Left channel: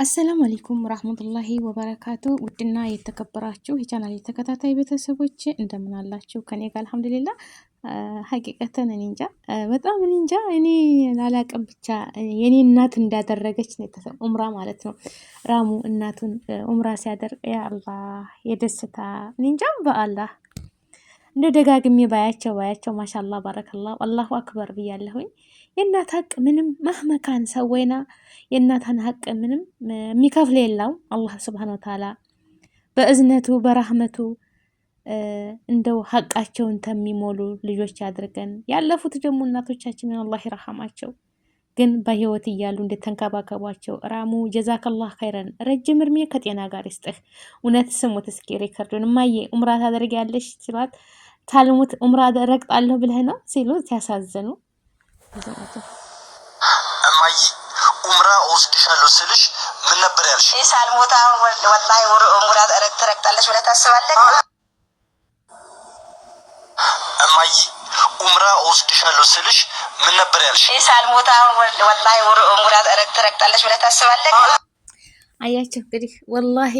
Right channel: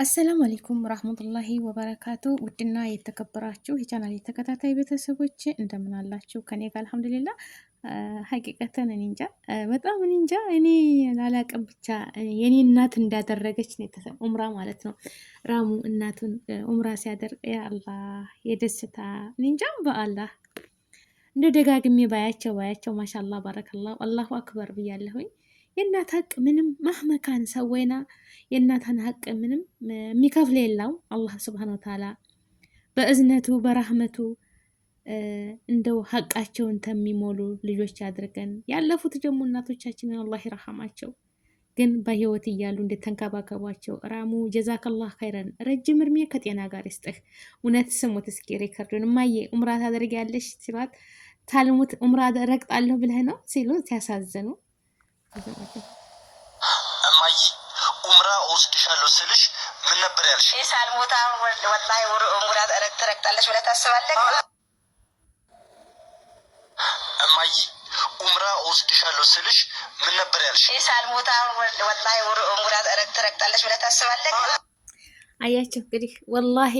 አሰላሙ አለይኩም ወራህመቱላሂ ወበረካቱ። ውድና የተከበራችሁ የቻናል ተከታታይ ቤተሰቦች እንደምን አላችሁ? ከኔ ጋር አልሐምዱሊላህ። ሀቂቀተን እኔ እንጃ በጣም እኔ እንጃ እኔ ላላቅም ብቻ የኔ እናት እንዳደረገች ነው ኡምራ ማለት ነው። ራሙ እናቱን ኡምራ ሲያደርግ ያ አላህ የደስታ እኔ እንጃ በአላህ እንደ ደጋግሜ ባያቸው ማሻአላህ ባረከላህ አላሁ አክበር ብያለሁኝ። የእናት ሀቅ ምንም መህመካን ሰወይና የእናትን ሀቅ ምንም የሚከፍል የለው አላህ ስብሓን ወተዓላ በእዝነቱ በራህመቱ እንደው ሀቃቸውን ተሚሞሉ ልጆች አድርገን። ያለፉት ደግሞ እናቶቻችንን አላህ ይረሐማቸው፣ ግን በህይወት እያሉ እንዴት ተንከባከቧቸው። ራሙ ጀዛከላህ ኸይረን ረጅም እድሜ ከጤና ጋር ይስጥህ። እውነት ስሙት እስኪ ሪከርዱን። እማዬ ኡምራ ታደርጊያለሽ ሲሏት ታልሙት ኡምራ ረግጣለሁ ብለህ ነው ሲሉ ሲያሳዝኑ እማዬ ኡምራ ወስድሻለሁ ስልሽ ምን ነበር ያልሽ? ሳልሞት አሁን ወላሂ ኡምራ ትረግጣለች ብለህ ታስባለህ? እማዬ ኡምራ ወስድሻለሁ ስልሽ ምን ነበር ያልሽ? ሳልሞት አሁን ወላሂ ኡምራ ትረግጣለች ብለህ ታስባለህ? አያችሁ እንግዲህ ወላሂ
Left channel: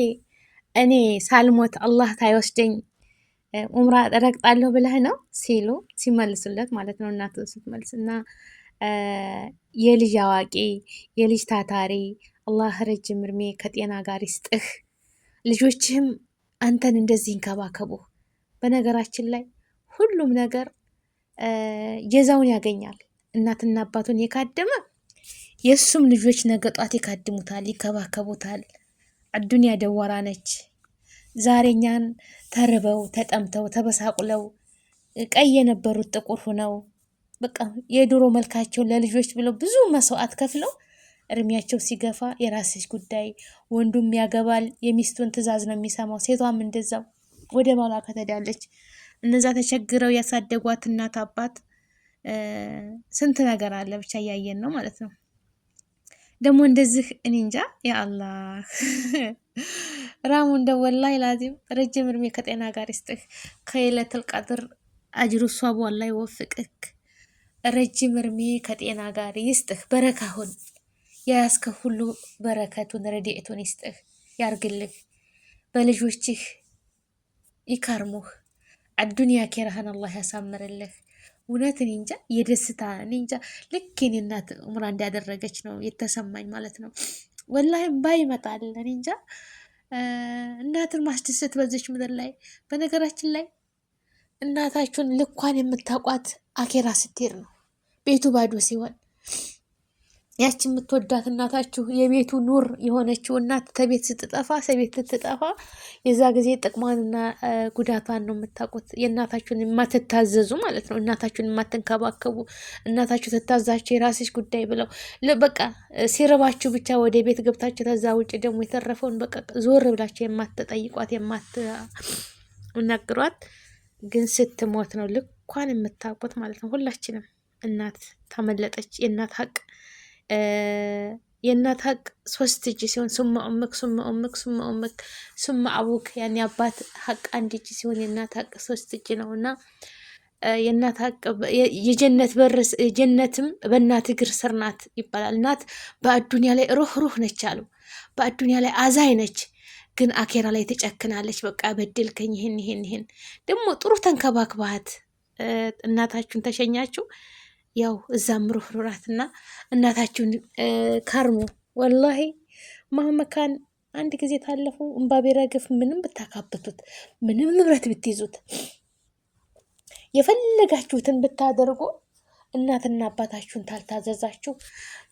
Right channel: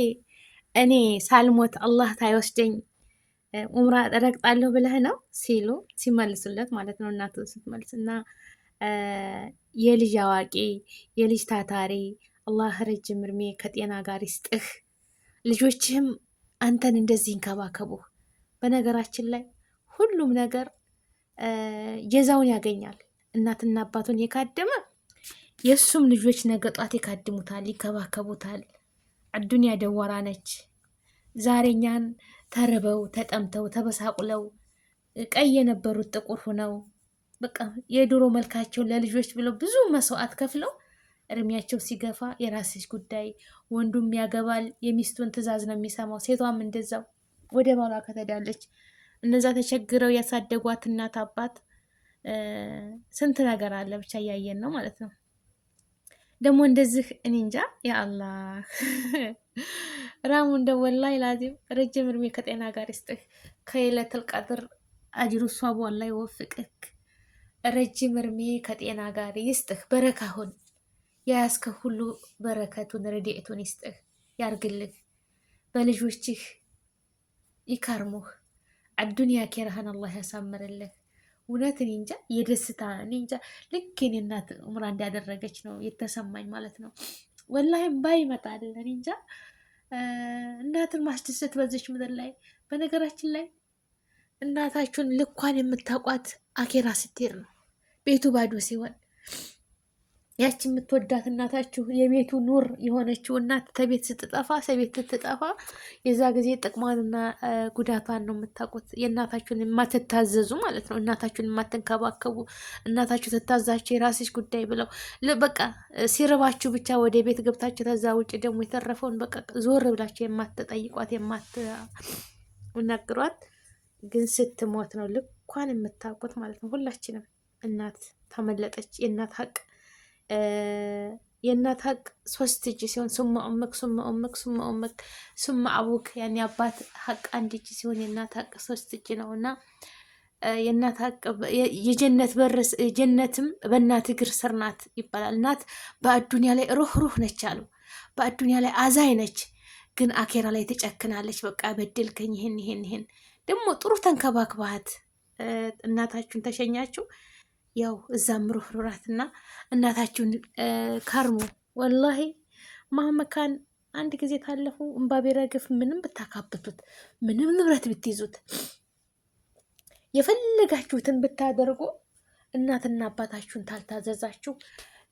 እኔ ሳልሞት አላህ ታይወስደኝ ኡምራ ረግጣለሁ ብለህ ነው ሲሉ ሲመልሱለት ማለት ነው። እናቱ ስትመልስ እና የልጅ አዋቂ የልጅ ታታሪ አላህ ረጅም እድሜ ከጤና ጋር ይስጥህ። ልጆችህም አንተን እንደዚህ ይንከባከቡ። በነገራችን ላይ ሁሉም ነገር ጀዛውን ያገኛል። እናትና አባቱን የካደመ የእሱም ልጆች ነገ ጧት ይካድሙታል፣ ይከባከቡታል። አዱንያ ደወራ ነች። ዛሬኛን ተርበው ተጠምተው ተበሳቁለው ቀይ የነበሩት ጥቁር ሁነው በቃ የድሮ መልካቸውን ለልጆች ብለው ብዙ መስዋዕት ከፍለው እድሜያቸው ሲገፋ የራስሽ ጉዳይ፣ ወንዱም ያገባል፣ የሚስቱን ትዕዛዝ ነው የሚሰማው፣ ሴቷም እንደዛው ወደ ባሏ ከተዳለች። እነዛ ተቸግረው ያሳደጓት እናት አባት ስንት ነገር አለ ብቻ እያየን ነው ማለት ነው። ደግሞ እንደዚህ እኔ እንጃ ያ አላህ ራሙ እንደ ወላሂ ላዚም ረጅም እድሜ ከጤና ጋር ይስጥህ። ከለይለቱል ቀድር አጅሩ ሷቡ አላህ ይወፍቅህ። ረጅም እድሜ ከጤና ጋር ይስጥህ። በረካሁን የያዝከ ሁሉ በረከቱን ረድኤቱን ይስጥህ ያርግልህ። በልጆችህ ይካርሙህ። አዱንያ ኬራህን አላህ ያሳምርልህ። እውነት እኔ እንጃ የደስታ እኔ እንጃ ልክ የኔ እናት ኡምራ እንዳደረገች ነው የተሰማኝ ማለት ነው። ወላሂ ባይ ይመጣል። እኔ እንጃ እናትን ማስደሰት በዚች ምድር ላይ። በነገራችን ላይ እናታችሁን ልኳን የምታውቋት አኬራ ስትሄድ ነው። ቤቱ ባዶ ሲሆን ያቺ የምትወዳት እናታችሁ የቤቱ ኑር የሆነችው እናት ከቤት ስትጠፋ ሰቤት ስትጠፋ የዛ ጊዜ ጥቅሟንና ጉዳቷን ነው የምታውቁት። የእናታችሁን የማትታዘዙ ማለት ነው። እናታችሁን የማትንከባከቡ፣ እናታችሁ ትታዛችሁ የራስሽ ጉዳይ ብለው በቃ ሲርባችሁ ብቻ ወደ ቤት ገብታችሁ ከዛ ውጭ ደግሞ የተረፈውን በቃ ዞር ብላችሁ የማትጠይቋት የማትነግሯት፣ ግን ስትሞት ነው ልኳን የምታውቁት ማለት ነው። ሁላችንም እናት ተመለጠች። የእናት ሀቅ 3 እጅ ሲሆን ሱማ ኡመክ ሱማ ኡመክ ሱማ ኡመክ ሱማ አቡክ ያኔ አባት ሀቅ 1 እጅ ሲሆን የእናት ሀቅ 3 እጅ ነው። እና የእናት ሀቅ የጀነት በር ጀነትም በእናት እግር ስር ናት ይባላል። እናት በአዱንያ ላይ ሩህ ነች አሉ። በአዱንያ ላይ አዛኝ ነች፣ ግን አኬራ ላይ ተጨክናለች። በቃ በድልከኝ ይሄን ደግሞ ጥሩ ተንከባክባት እናታችሁን ተሸኛችሁ። ያው እዛም ሩህሩራትና እናታችሁን ካርሙ። ወላሂ ማህመካን አንድ ጊዜ ታለፉ እምባ ቢረግፍ ምንም ብታካብቱት ምንም ንብረት ብትይዙት የፈለጋችሁትን ብታደርጉ እናትና አባታችሁን ታልታዘዛችሁ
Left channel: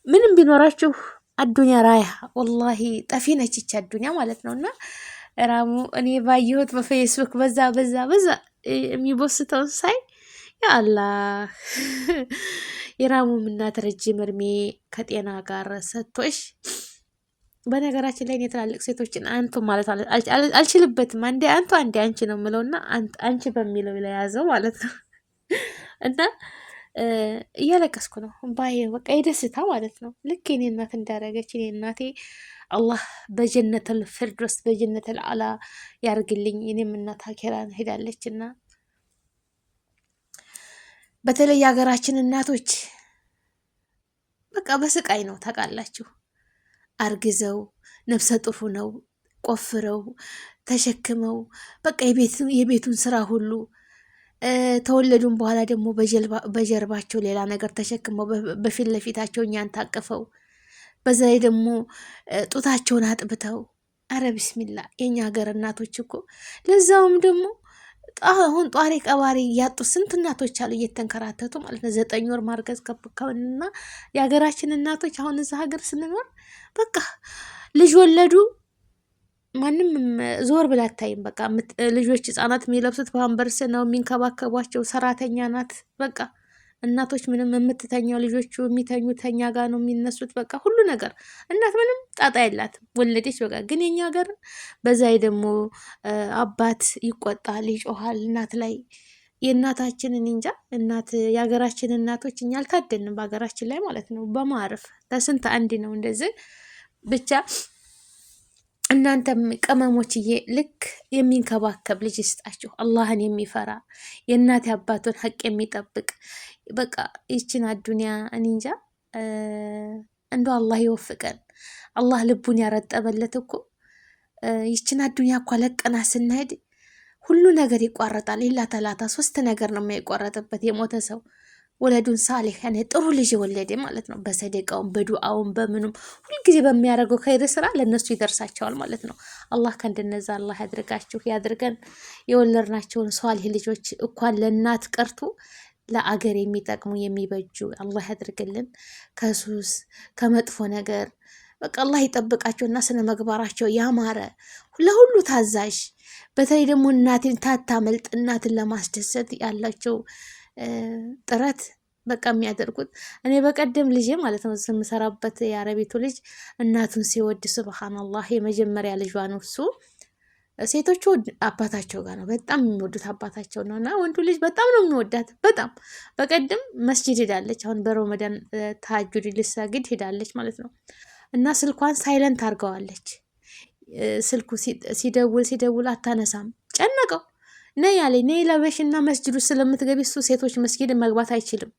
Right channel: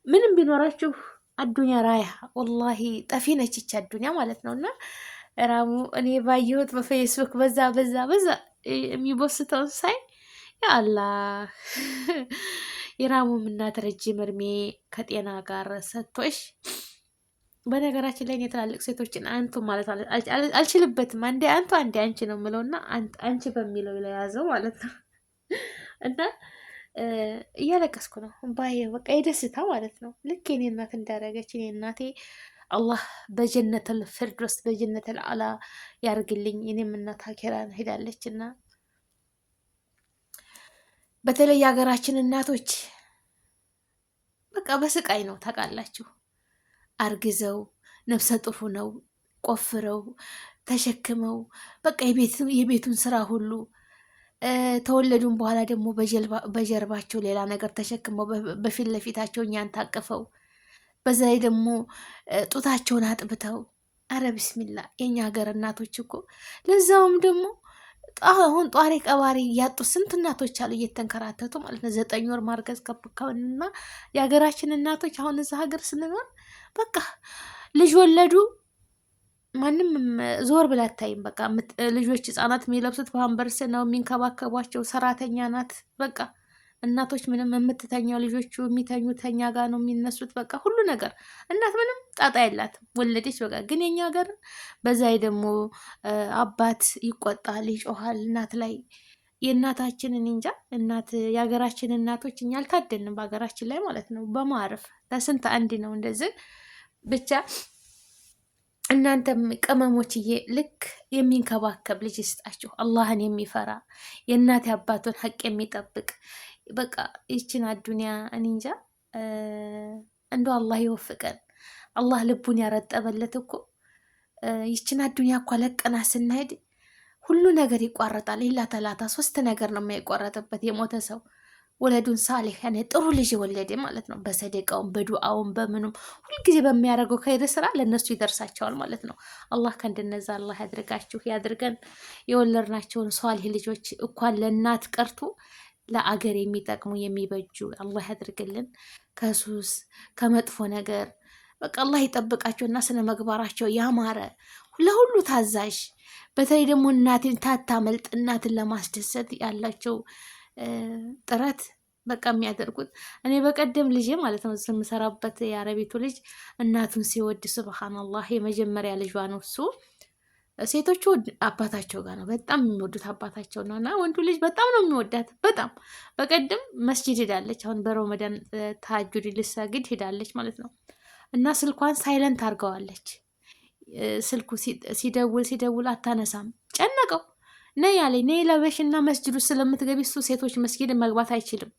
ምንም ቢኖራችሁ አዱንያ ራያ ወላሂ ጠፊ ነች አዱንያ ማለት ነው። እና ራሙ እኔ ባየሁት በፌስቡክ በዛ የሚቦስተው ሳይ ያ አላህ የራሙም እናት ረጅም እድሜ ከጤና ጋር ሰጥቶሽ። በነገራችን ላይ እኔ ትላልቅ ሴቶችን አንቱ ማለት አልችልበትም። አንዴ አንቱ አንዴ አንቺ ነው የምለውና አንቺ በሚለው ለያዘው ማለት ነው። እና እያለቀስኩ ነው ባይ በቃ የደስታ ማለት ነው። ልክ የኔ እናት እንዳደረገች እኔ እናቴ አላህ በጀነተል ፊርደውስ በጀነተል አላ ያርግልኝ። እኔም እናት አኬራን ሄዳለችና በተለይ የሀገራችን እናቶች በቃ በስቃይ ነው ታውቃላችሁ። አርግዘው ነፍሰ ጡር ነው ቆፍረው ተሸክመው በቃ የቤቱን ስራ ሁሉ ተወለዱም በኋላ ደግሞ በጀርባቸው ሌላ ነገር ተሸክመው በፊት ለፊታቸው እኛን ታቅፈው በዛ ላይ ደግሞ ጡታቸውን አጥብተው አረ ቢስሚላ የኛ ሀገር እናቶች እኮ ለዛውም ደግሞ አሁን ጧሪ ቀባሪ እያጡ ስንት እናቶች አሉ እየተንከራተቱ ማለት ነው። 9 ወር ማርገዝ ከብካውንና የሀገራችን እናቶች አሁን እዛ ሀገር ስንኖር በቃ ልጅ ወለዱ ማንም ዞር ብላ አታይም። በቃ ልጆች ህጻናት የሚለብሱት ፓምፐርስ ነው፣ የሚንከባከቧቸው ሰራተኛ ናት። በቃ እናቶች ምንም የምትተኛው ልጆቹ የሚተኙት ተኛ ጋር ነው የሚነሱት። በቃ ሁሉ ነገር እናት ምንም ጣጣ የላትም ወለደች በቃ። ግን የኛ ሀገር በዛ ደግሞ አባት ይቆጣል፣ ይጮሃል እናት ላይ። የእናታችንን እንጃ እናት የሀገራችን እናቶች እኛ አልታደንም በሀገራችን ላይ ማለት ነው። በማረፍ ለስንት አንድ ነው እንደዚህ ብቻ። እናንተም ቅመሞችዬ ልክ የሚንከባከብ ልጅ ይስጣችሁ፣ አላህን የሚፈራ የእናት አባቱን ሀቅ የሚጠብቅ በቃ ይችን አዱኒያ እኔ እንጃ እንደው አላህ ይወፍቀን። አላህ ልቡን ያረጠበለት እኮ ይችን አዱኒያ እኮ ለቀና ስናሄድ ሁሉ ነገር ይቋረጣል። ኢላ ተላታ 3 ነገር ነው የማይቋረጥበት የሞተ ሰው ወለዱን ሳሊህ ያኔ ጥሩ ልጅ የወለደ ማለት ነው። በሰደቃውም በዱዓውም በምኑም ሁልጊዜ በሚያደርገው ከይር ስራ ለነሱ ይደርሳቸዋል ማለት ነው። አላህ ከእንደነዛ አላህ ያድርጋችሁ ያድርገን። የወለድናቸውን ሷሊህ ልጆች እንኳን ለእናት ቀርቶ ለአገር የሚጠቅሙ የሚበጁ አላህ ያድርግልን። ከሱስ ከመጥፎ ነገር በቃ አላህ ይጠብቃቸውና ስነ ምግባራቸው ያማረ ለሁሉ ታዛዥ፣ በተለይ ደግሞ እናትን ታታመልጥ እናትን ለማስደሰት ያላቸው ጥረት በቃ የሚያደርጉት። እኔ በቀደም ልጅ ማለት ነው የምሰራበት የአረቤቱ ልጅ እናቱን ሲወድ ሱብሃንአላህ የመጀመሪያ ልጇ ነው እሱ። ሴቶቹ አባታቸው ጋር ነው በጣም የሚወዱት አባታቸው ነው፣ እና ወንዱ ልጅ በጣም ነው የሚወዳት በጣም። በቀደም መስጂድ ሄዳለች፣ አሁን በረመዳን ተሐጁድ ልሰግድ ሄዳለች ማለት ነው። እና ስልኳን ሳይለንት አድርገዋለች። ስልኩ ሲደውል አታነሳም። ጨነቀው። ነይ ያለኝ ነይ ለበሽና መስጂዱ ስለምትገቢ እሱ ሴቶች መስጊድ መግባት አይችልም።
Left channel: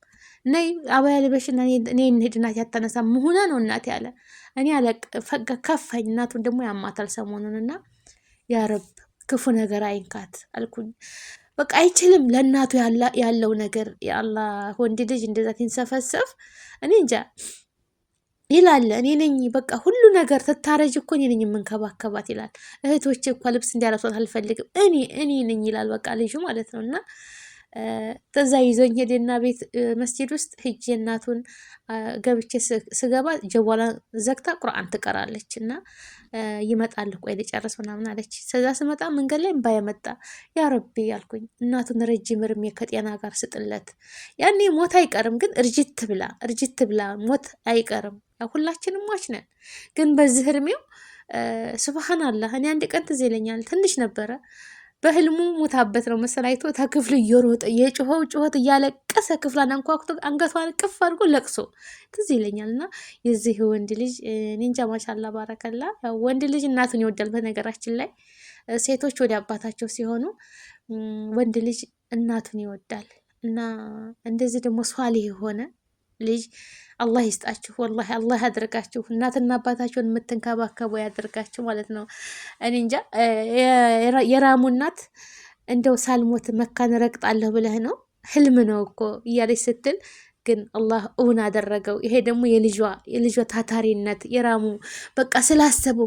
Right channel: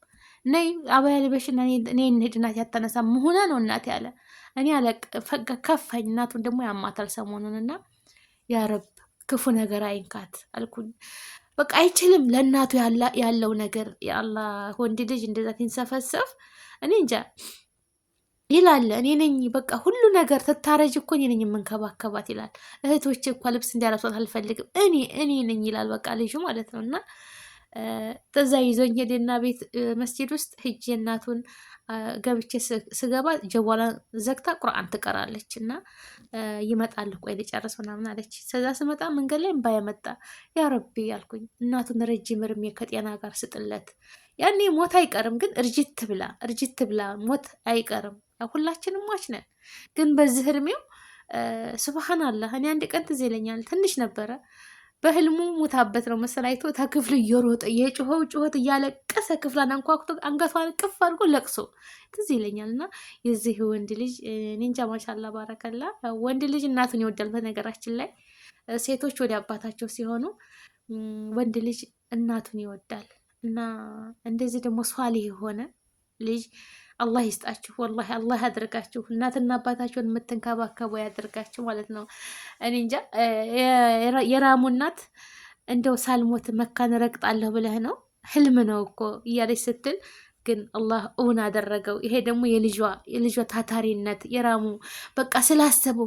ነይ አባያ ልበሽና እኔ እንሂድ እናቴ አታነሳም መሆነ ነው እናቴ ያለ። እኔ ከፋኝ። እናቱን ደግሞ ያማታል ሰሞኑንና ያ ረብ ክፉ ነገር አይንካት አልኩኝ። በቃ አይችልም ለእናቱ ያለው ነገር የአላህ ወንድ ልጅ እንደዛ ሲንሰፈሰፍ እኔ እንጃ ይላል። እኔ ነኝ በቃ ሁሉ ነገር ትታረጅ እኮ እኔ ነኝ የምንከባከባት ይላል። እህቶች እኮ ልብስ እንዲያለብሷት አልፈልግም እኔ ነኝ ይላል። በቃ ልጁ ማለት ነው። እና ተዛ ይዞኝ ሄደና ቤት መስጂድ ውስጥ ሂጅ እናቱን ገብቼ ስገባ ጀዋላን ዘግታ ቁርአን ትቀራለች እና ይመጣል ቆይ ልጨርስ ምናምን አለች። ከዛ ስመጣ መንገድ ላይ እምባ የመጣ ያ ረቢ ያልኩኝ እናቱን ረጅም እድሜ ከጤና ጋር ስጥለት። ያኔ ሞት አይቀርም ግን እርጅት ብላ ሞት አይቀርም። ሁላችንም ሟች ነን። ግን በዚህ እድሜው ሱብሃንአላህ እኔ አንድ ቀን ትዝ ይለኛል ትንሽ ነበረ በህልሙ ሙታበት ነው መሰላይቶ ተክፍል እየሮጠ የጮኸው ጩኸት እያለቀሰ ክፍሏን አንኳኩቶ አንገቷን ቅፍ አድርጎ ለቅሶ ትዝ ይለኛል። እና የዚህ ወንድ ልጅ ኒንጃ ማሻላ ባረከላ። ወንድ ልጅ እናቱን ይወዳል። በነገራችን ላይ ሴቶች ወደ አባታቸው ሲሆኑ ወንድ ልጅ እናቱን ይወዳል። እና እንደዚህ ደግሞ ሷሊህ የሆነ ልጅ አላህ ይስጣችሁ። ወላሂ አላህ ያድርጋችሁ። እናትና አባታችሁን የምትንከባከቡ ያድርጋችሁ ማለት ነው። እኔ እንጃ የራሙ እናት እንደው ሳልሞት መካን ረግጣለሁ ብለህ ነው ህልም ነው እኮ እያለች ስትል ግን አላህ እውን አደረገው። ይሄ ደግሞ የልጇ ታታሪነት የራሙ በቃ ስላሰቡ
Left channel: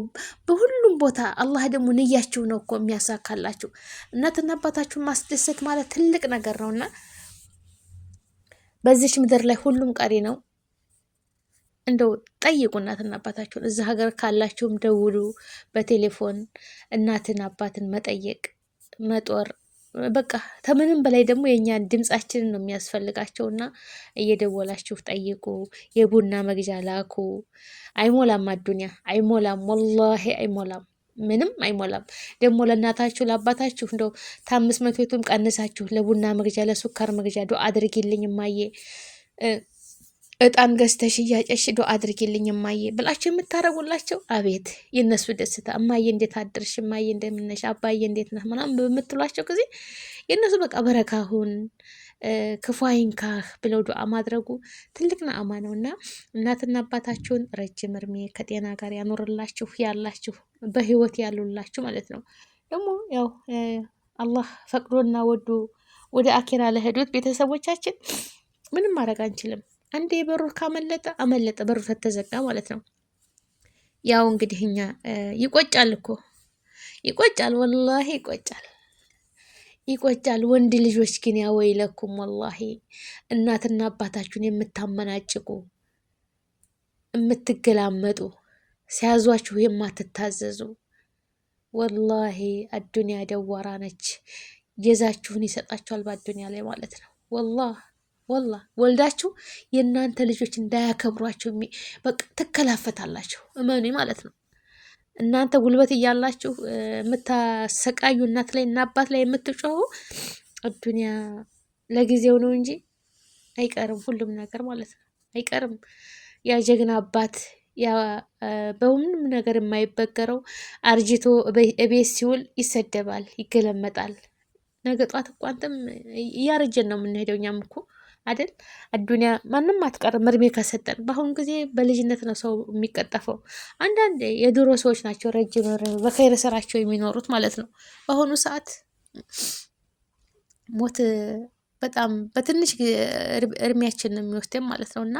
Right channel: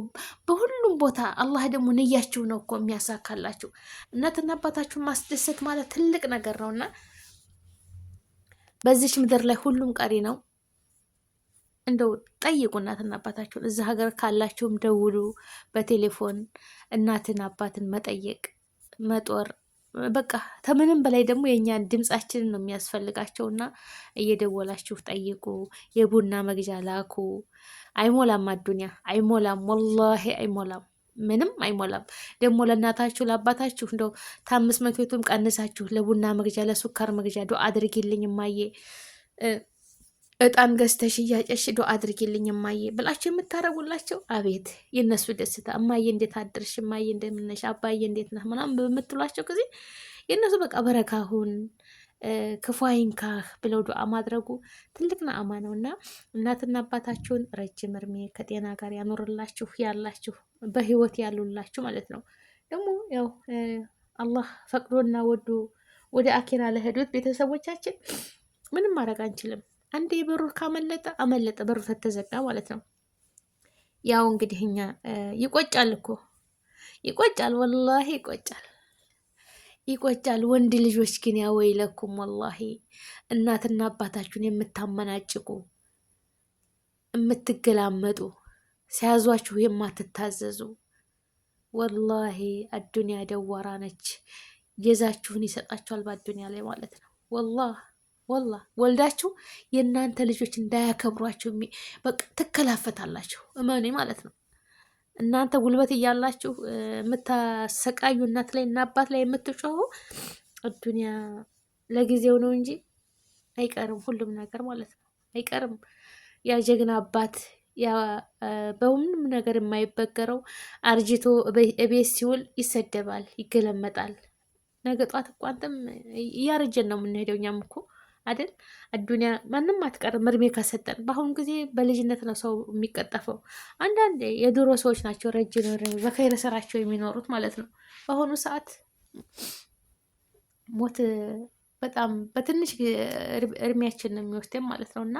በሁሉም ቦታ አላህ ደግሞ ንያችሁ ነው እኮ የሚያሳካላችሁ። እናትና አባታችሁን ማስደሰት ማለት ትልቅ ነገር ነውና በዚች ምድር ላይ ሁሉም ቀሪ ነው። እንደው ጠይቁ እናትና አባታችሁን። እዛ ሀገር ካላችሁም ደውሉ በቴሌፎን እናትን አባትን መጠየቅ መጦር በቃ ከምንም በላይ ደግሞ የእኛን ድምጻችንን ነው የሚያስፈልጋቸውና እየደወላችሁ ጠይቁ። የቡና መግዣ ላኩ። አይሞላም፣ አዱኒያ አይሞላም፣ ወላሂ አይሞላም፣ ምንም አይሞላም። ደግሞ ለእናታችሁ ለአባታችሁ እንደው ከ500ቱም ቀንሳችሁ ለቡና መግዣ ለሱካር መግዣ ዱአ አድርጊልኝ እማዬ፣ እጣን ገዝተሽ እያጨሽ ዱአ አድርጊልኝ እማዬ ብላችሁ የምታረጉላቸው አቤት የነሱ ደስታ። እማዬ እንዴት አድርሽ፣ እማዬ እንደምነሽ፣ አባዬ እንዴት ነህ ምናምን በምትሏቸው ጊዜ የነሱ በቃ በረካሁን ክፉ አይንካህ ብለው ዱዓ ማድረጉ ትልቅ ነዓማ ነውና እናትና አባታችሁን ረጅም እድሜ ከጤና ጋር ያኖርላችሁ፣ ያላችሁ በህይወት ያሉላችሁ ማለት ነው። ደግሞ ያው አላህ ፈቅዶና ወዶ ወደ አኬራ ለሄዱት ቤተሰቦቻችን ምንም ማድረግ አንችልም። አንዴ በሩ ካመለጠ አመለጠ፣ በሩ ተዘጋ ማለት ነው። ያው እንግዲህ እኛ ይቆጫል እኮ ይቆጫል፣ ወላሂ ይቆጫል። ይቆጫል። ወንድ ልጆች ግን ያወይለኩም ወላሂ እናትና አባታችሁን የምታመናጭቁ የምትገላመጡ ሲያዟችሁ የማትታዘዙ ወላሂ አዱንያ ደዋራ ነች። ጀዛችሁን ይሰጣችኋል በአዱንያ ላይ ማለት ነው። ወላሂ ወልዳችሁ የእናንተ ልጆች እንዳያከብሯችሁ በቃ ትከላፈታላችሁ። እመኔ ማለት ነው። እናንተ ጉልበት እያላችሁ የምታሰቃዩ እናት ላይ እና አባት ላይ የምትጮሁ አዱንያ ለጊዜው ነው እንጂ አይቀርም፣ ሁሉም ነገር ማለት ነው አይቀርም። ያ ጀግና አባት ያ በሁሉም ነገር የማይበገረው አርጅቶ እቤት ሲውል ይሰደባል፣ ይገለመጣል። ነገ ጧት እኮ አንተም እያረጀን ነው የምንሄደው እኛም እኮ አይደል? አዱንያ ማንም አትቀርም እድሜ ከሰጠን። በአሁኑ ጊዜ በልጅነት ነው ሰው የሚቀጠፈው። አንዳንድ የድሮ ሰዎች ናቸው ረጅም በኸይር ስራቸው የሚኖሩት ማለት ነው። በአሁኑ ሰዓት ሞት በጣም በትንሽ እድሜያችን ነው የሚወስደን ማለት ነው። እና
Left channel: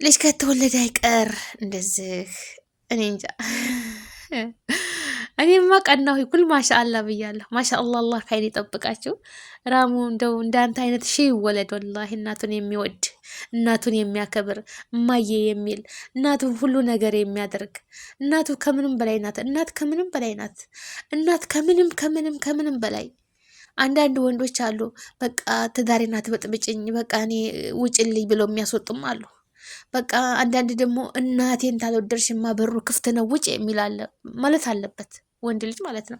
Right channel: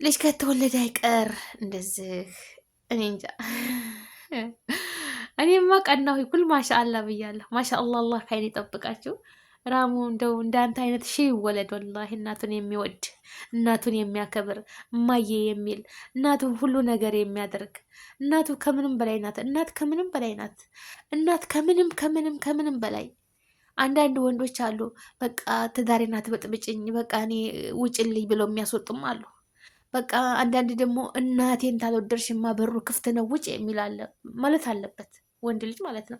ልጅ ከተወለደ አይቀር እንደዚህ እኔ እንጃ። እኔማ ቀናሁ ኩል ማሻአላ ብያለሁ። ማሻአላ አላህ ከአይን ይጠብቃችሁ። ራሙ እንደው እንዳንተ አይነት ሺህ ይወለድ ወላሂ። እናቱን የሚወድ እናቱን የሚያከብር እማዬ የሚል እናቱን ሁሉ ነገር የሚያደርግ እናቱ ከምንም በላይ ናት። እናት ከምንም በላይ ናት። እናት ከምንም ከምንም ከምንም በላይ። አንዳንድ ወንዶች አሉ በቃ ትዳሬን አትበጥብጭኝ፣ በቃ እኔ ውጭልኝ ብለው የሚያስወጡም አሉ። በቃ አንዳንድ ደግሞ እናቴን ታልወደድሽማ በሩ ክፍት ነው ውጭ የሚል አለ። ማለት አለበት ወንድ ልጅ ማለት ነው።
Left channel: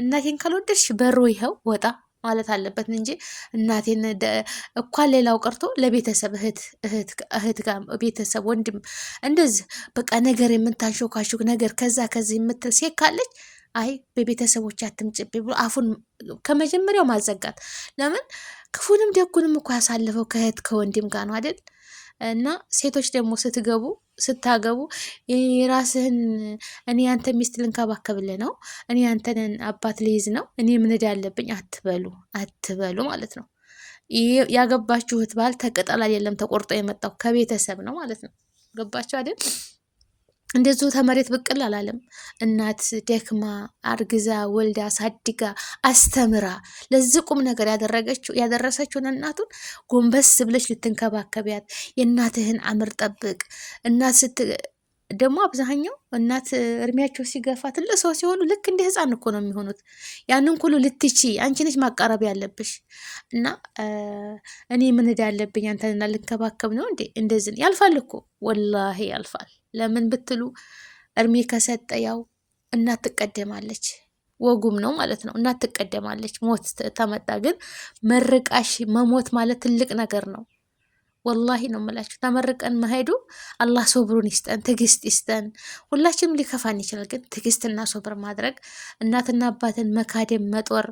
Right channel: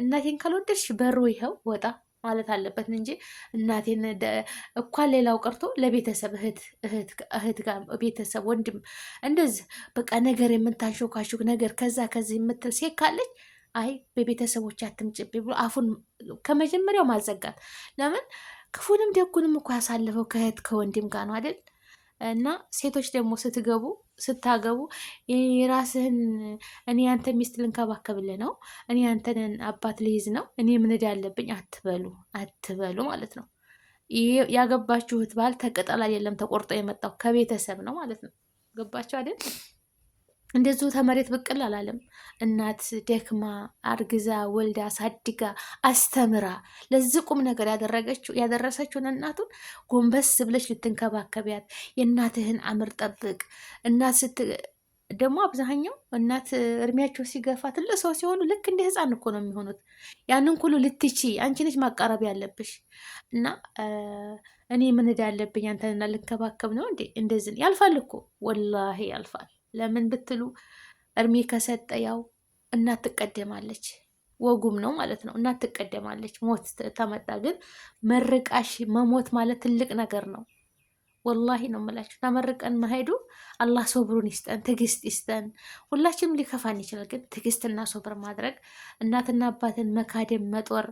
እናቴን ካልወደድሽ በሩ ይኸው ወጣ ማለት አለበት እንጂ እናቴን እንኳን ሌላው ቀርቶ ለቤተሰብ እህት ጋር ቤተሰብ ወንድም እንደዚህ በቃ ነገር የምታንሾካሾክ ነገር ከዛ ከዚህ የምትል ሴት ካለች አይ በቤተሰቦች አትምጭብኝ ብሎ አፉን ከመጀመሪያው ማዘጋት። ለምን ክፉንም ደጉንም እኮ ያሳለፈው ከእህት ከወንድም ጋር ነው አይደል? እና ሴቶች ደግሞ ስታገቡ የራስህን እኔ አንተ ሚስት ልንከባከብልህ ነው፣ እኔ አንተን አባት ልይዝ ነው፣ እኔ ምንድ ያለብኝ አትበሉ ማለት ነው። ያገባችሁት ባል ተቀጠል አይደለም ተቆርጦ የመጣው ከቤተሰብ ነው ማለት ነው። ገባችሁ አይደል? እንደዚሁ ተመሬት ብቅል አላለም። እናት ደክማ አርግዛ ወልዳ ሳድጋ አስተምራ ለዚህ ቁም ነገር ያደረሰችውን እናቱን ጎንበስ ብለሽ ልትንከባከቢያት፣ የእናትህን አምር ጠብቅ። እናት ደግሞ አብዛኛው እናት እድሜያቸው ሲገፋ ትልቅ ሰው ሲሆኑ ልክ እንደ ህፃን እኮ ነው የሚሆኑት። ያንን ሁሉ ልትቺ አንቺ ነሽ ማቃረብ ያለብሽ። እና እኔ ምን እዳ ያለብኝ አንተንና ልንከባከብ ነው እንዴ? እንደዚህ ያልፋል እኮ ወላሂ ያልፋል። ለምን ብትሉ እድሜ ከሰጠ ያው እናት ትቀደማለች፣ ወጉም ነው ማለት ነው። እናት ትቀደማለች። ሞት ተመጣ ግን መርቃሽ መሞት ማለት ትልቅ ነገር ነው። ወላሂ ነው የምላችሁ። ተመርቀን መሄዱ አላህ ሶብሩን ይስጠን፣ ትዕግስት ይስጠን። ሁላችንም ሊከፋን ይችላል፣ ግን ትዕግስትና ሶብር ማድረግ እናትና አባትን መካደም መጦር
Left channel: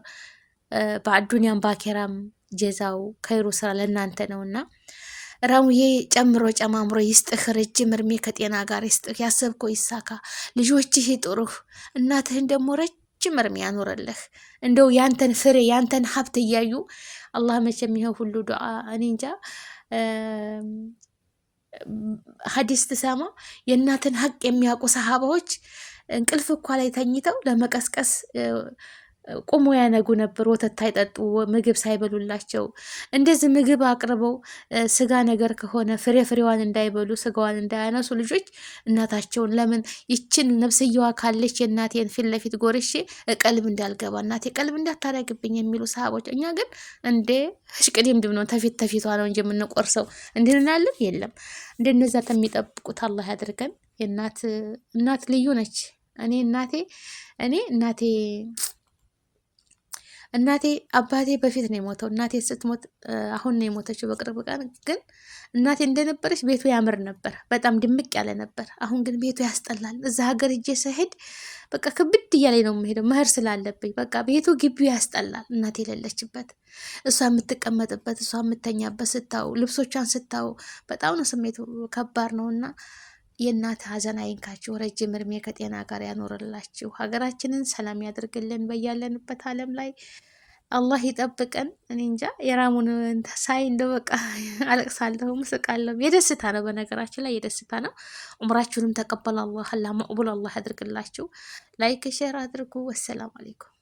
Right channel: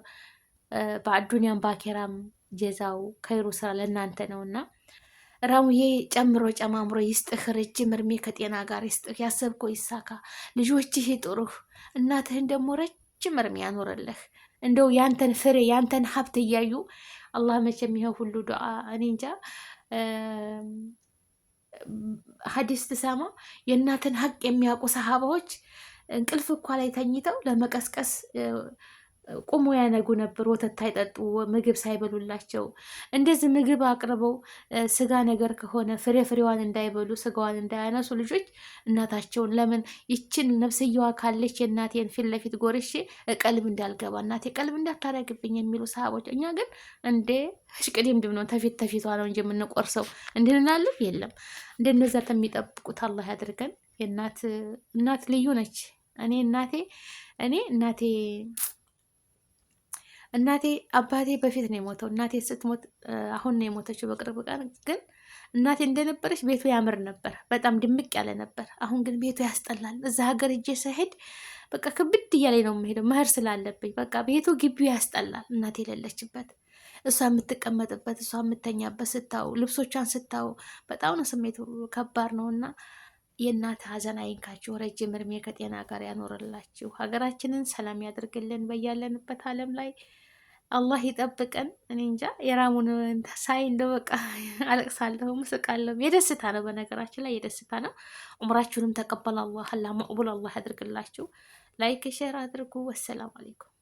በአዱንያም ባኬራም ጀዛው ከይሩ ስራ ለእናንተ ነውና ራሙዬ ጨምሮ ጨማምሮ ይስጥህ፣ ረጅም እድሜ ከጤና ጋር ይስጥህ፣ ያሰብከው ይሳካ፣ ልጆችህ ይጥሩህ፣ እናትህን ደግሞ ረጅም እድሜ ያኖረልህ። እንደው ያንተን ፍሬ ያንተን ሀብት እያዩ አላህ መቼም ይኸው ሁሉ ዱዓ እኔ እንጃ ሀዲስ ትሰማ የእናትን ሀቅ የሚያውቁ ሰሃባዎች እንቅልፍ እኳ ላይ ተኝተው ለመቀስቀስ ቁሞ ያነጉ ነበር። ወተት አይጠጡ ምግብ ሳይበሉላቸው እንደዚህ ምግብ አቅርበው ስጋ ነገር ከሆነ ፍሬዋን እንዳይበሉ ስጋዋን እንዳያነሱ ልጆች እናታቸውን ለምን ይችን ነብስየዋ ካለች የእናቴን ፊት ለፊት ጎርሼ ቀልብ እንዳልገባ እናቴ ቀልብ እንዳታረግብኝ የሚሉ ሰሃቦች። እኛ ግን እንዴ ሽቅድምድም ነው ተፊቷ ነው እንጂ የምንቆርሰው እንድንላለን የለም። እንደነዛ ከሚጠብቁት አላህ ያድርገን። እናት ልዩ ነች። እኔ እናቴ እናቴ አባቴ በፊት ነው የሞተው። እናቴ ስትሞት አሁን ነው የሞተችው በቅርብ ቀን። ግን እናቴ እንደነበረች ቤቱ ያምር ነበር፣ በጣም ድምቅ ያለ ነበር። አሁን ግን ቤቱ ያስጠላል። እዛ ሀገር እጄ ስሄድ በቃ ክብድ እያለኝ ነው የምሄደው መህር ስላለብኝ። በቃ ቤቱ ግቢው ያስጠላል። እናቴ የሌለችበት እሷ የምትቀመጥበት እሷ የምተኛበት ስታው ልብሶቿን ስታው በጣም ነው ስሜቱ ከባድ ነው እና የእናት ሀዘን አይንካችሁ፣ ረጅም እድሜ ከጤና ጋር ያኖርላችሁ፣ ሀገራችንን ሰላም ያደርግልን፣ በያለንበት ዓለም ላይ አላህ ይጠብቀን። እኔ እንጃ የራሙን ሳይ እንደው በቃ አለቅሳለሁ፣ ምስቃለሁ። የደስታ ነው፣ በነገራችን ላይ የደስታ ነው። ዑምራችሁንም ተቀበል አላህ መቅቡል አላህ ያድርግላችሁ። ላይክ ሼር አድርጉ። ወሰላም አለይኩም።